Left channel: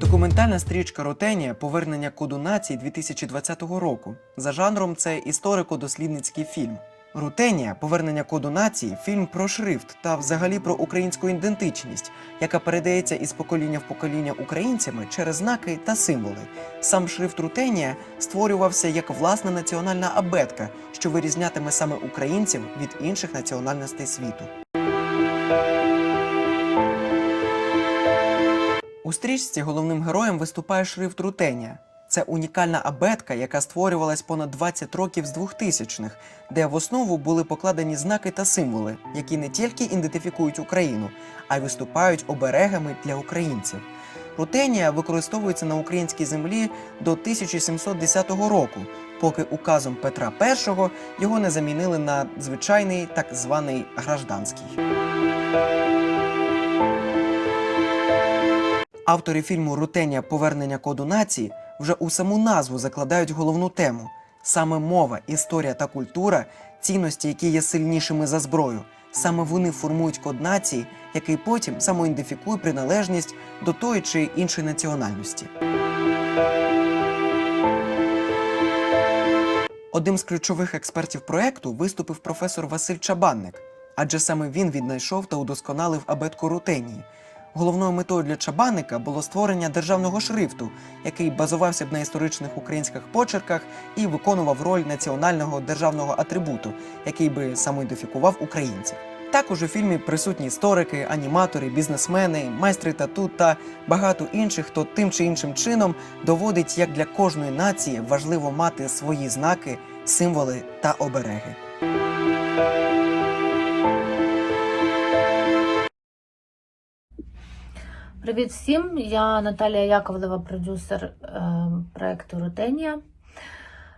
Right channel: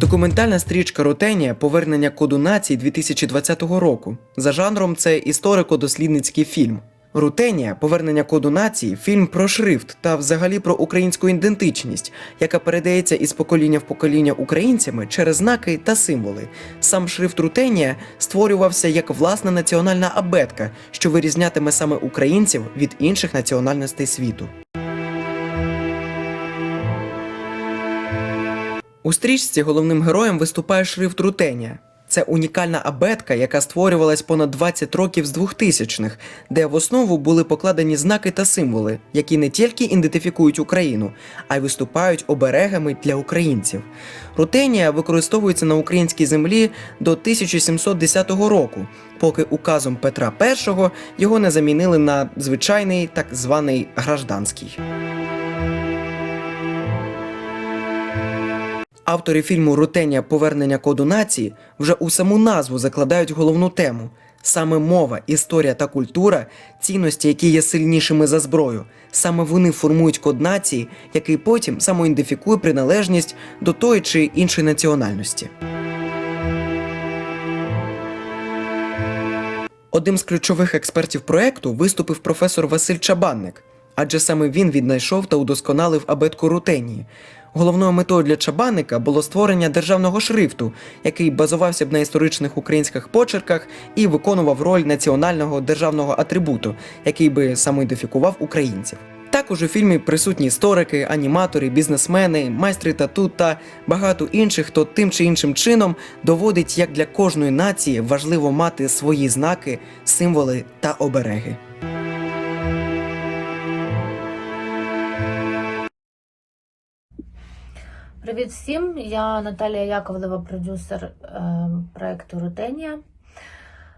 Документальна стрічка Ротенія Повернення коду нації 2020 року. За жанром це історико-дослідницький фільм. Рутенія Повернення коду нації фільм про шрифт та взагалі про українську ідентичність, яка передається із покоління в покоління українцями через знаки та символи. Сам шрифт Рутенія створювався як власна національна абетка, що вирізнятиме саме українців від інших національностей світу. У стрічці головним героєм виступає шрифт Рутенія. Це унікальна абетка, яка створювалась понад 20 років з 2000-х, де в основу були покладені знаки та символи, які не тільки ідентифікують Україну, а й виступають оберегами для українців. Рутенія використовується на українській землі до 1710 року, поки указом Петра І його не замінили на звичайний так званий гражданський. Автори фільму Рутенія Повернення коду нації вже у саму назву закладають головну тему. Саме мова, історія та культура, цінності, які є сильнішими за зброю. Саме вони формують код нації, який потім самоідентифікує приналежність до тої чи іншої національності. Одним з ключових експертів проекту виступив професор Василь Чабанник, адже саме він віднайшов та удосконалив абетку Рутенії. Головною метою для Чабанника було створення державного шрифту, який базувався б на історичних українських почерках і виконував роль національного державного атрибуту, який би самоідентифікував українців. Також у фільмі присутні історики, аніматори, бізнесмени, майстри тату та багато інших, хто тим чи іншим чином доводить, як для кожної нації важливо мати свої знаки, символи та обереги. Привіт всім! Я Наталія Яковлева, продюсер е, проекту Рутенія.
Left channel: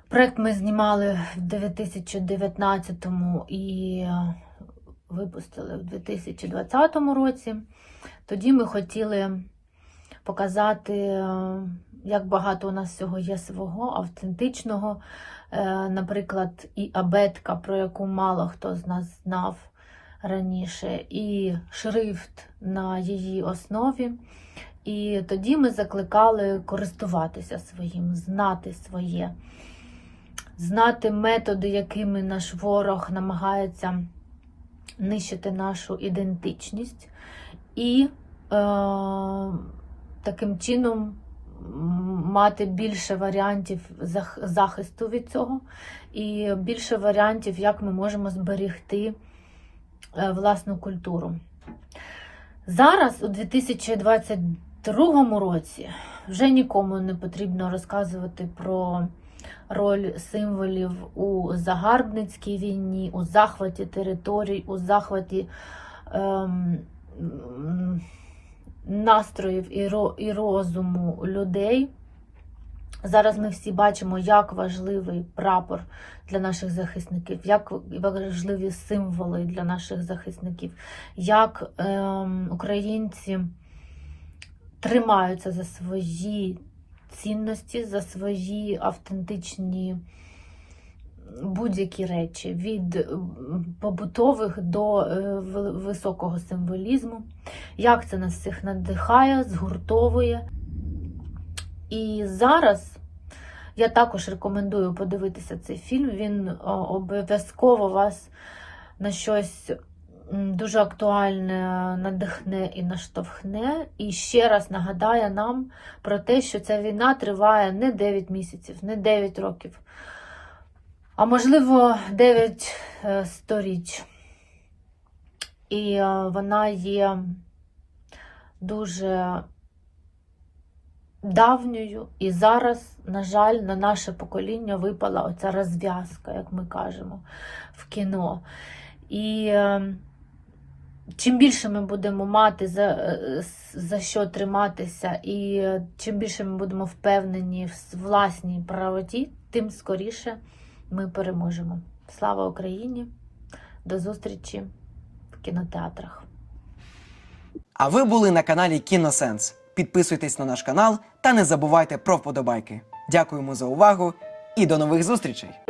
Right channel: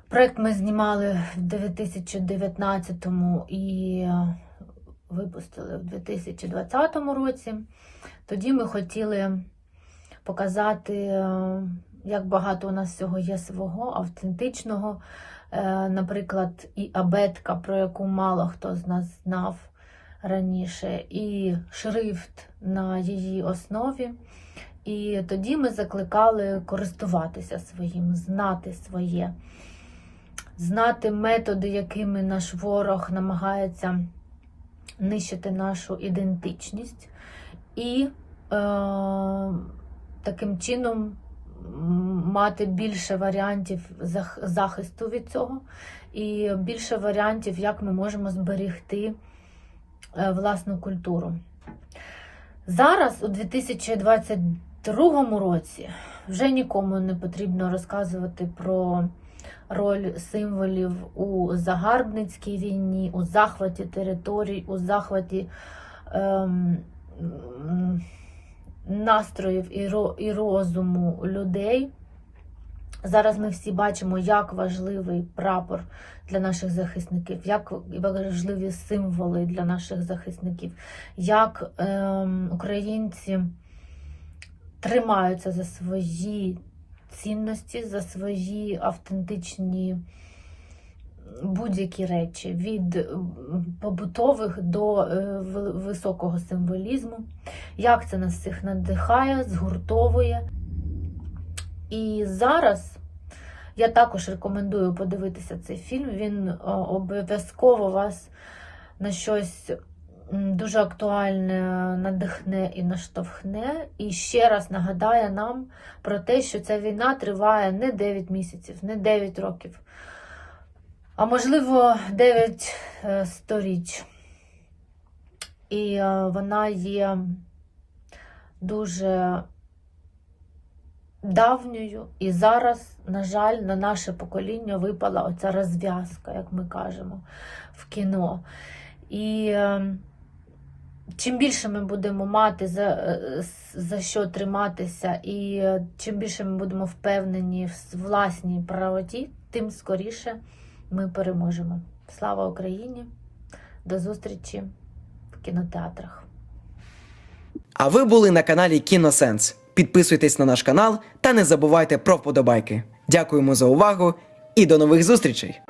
Проект ми знімали в 2019 і е, випустили в 2020 році. Тоді ми хотіли показати, е, як багато у нас всього є свого, автентичного. Наприклад, і абетка, про яку мало хто з нас знав раніше, і шрифт на її основі. І тоді ми закликали користуватися своїм, знати своє, знати методи, якими наш ворог намагається нищити нашу ідентичність, і е, таким чином мати більше варіантів захисту від цього, і більше варіантів, як ми можемо зберегти е, власну культуру. Зараз, у 2022 році, вже нікому не потрібно розказувати про роль символів у загарбницькій війні, у захваті територій, у захваті ем, настроїв і, ро, і розуму людей. Зараз ми всі бачимо, як важливий прапор для наших захисників, як важливі символи для наших захисників, як ем, українці тримаються за свої цінності, за свої автентичні будь-які речі, від побутових до е, високого символізму, як це нас всіх надихає, згуртовує. І зараз я також рекомендую подивитися цей фільм. Він обов'язково вас на щось дуже актуальне надихне і наштовхне. І ще раз нагадає нам про те, що ця війна триває не 9 місяців, не 9 років, а можливо 9 е, сторіч. І е, вона є дуже давньою, і зараз, на жаль, на наше покоління випала оця розв'язка, як ми кажемо, в кіно. І е, чим більше ми будемо мати за, е, за що триматися, і е, чим більше ми будемо впевнені в власній правоті, тим скоріше ми переможемо. Слава Україні! До зустрічі в кінотеатрах. А ви були на каналі Кіносенс. Підписуйтесь на наш канал та не забувайте про вподобайки. Дякуємо за увагу і до нових зустрічей!